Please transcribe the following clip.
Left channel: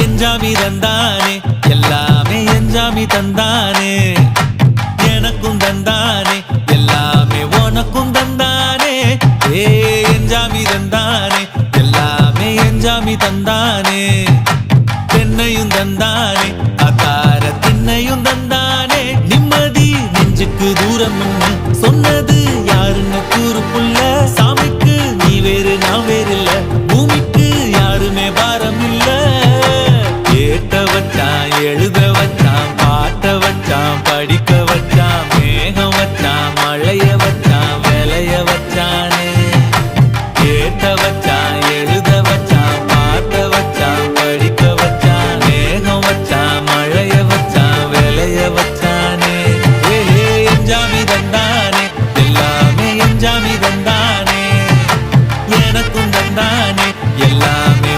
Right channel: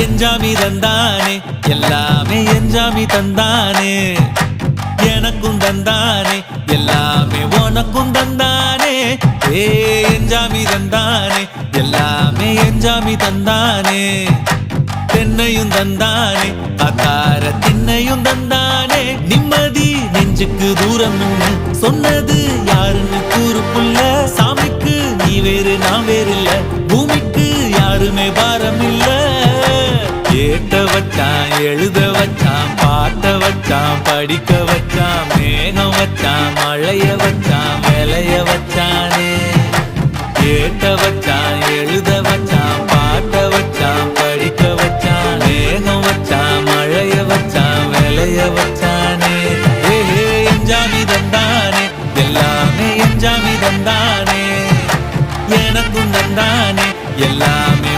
எஞ்சாமி தந்தானே எல்லாமே எஞ்சாமி தந்தானே எனக்கும் தந்தானே எல்லாமே உனக்கும் தந்தானே ஏ எஞ்சாமி தந்தானே எல்லாமே எஞ்சாமி தந்தானே தென்னையும் தந்தானே காத்தார திண்ணையும் தந்தானே நிம்மதி நெஞ்சுக்கு தூரம்னு சொன்னது யாருன்னு கூறு புள்ள சாமிக்கு நீ வேறு நான் வேறு இல்ல பூமிக்கு யாருமே பாரம் இல்ல ஏத்த வச்சான் எழுத வச்சான் பாட்ட வச்சான் படிக்க வச்சான் மேகம் வச்சான் மழைய வச்சான் விளைய வச்சானே ஏத்த வச்சான் எழுத வச்சான் பாட்ட வச்சான் படிக்க வச்சான் மேகம் வச்சான் மழைய வச்சான் விளைய வச்சானே ஏஹே எஞ்சாமி தந்தானே எல்லாமே எஞ்சாமி தந்தானே எனக்கும் தந்தானே எல்லாமே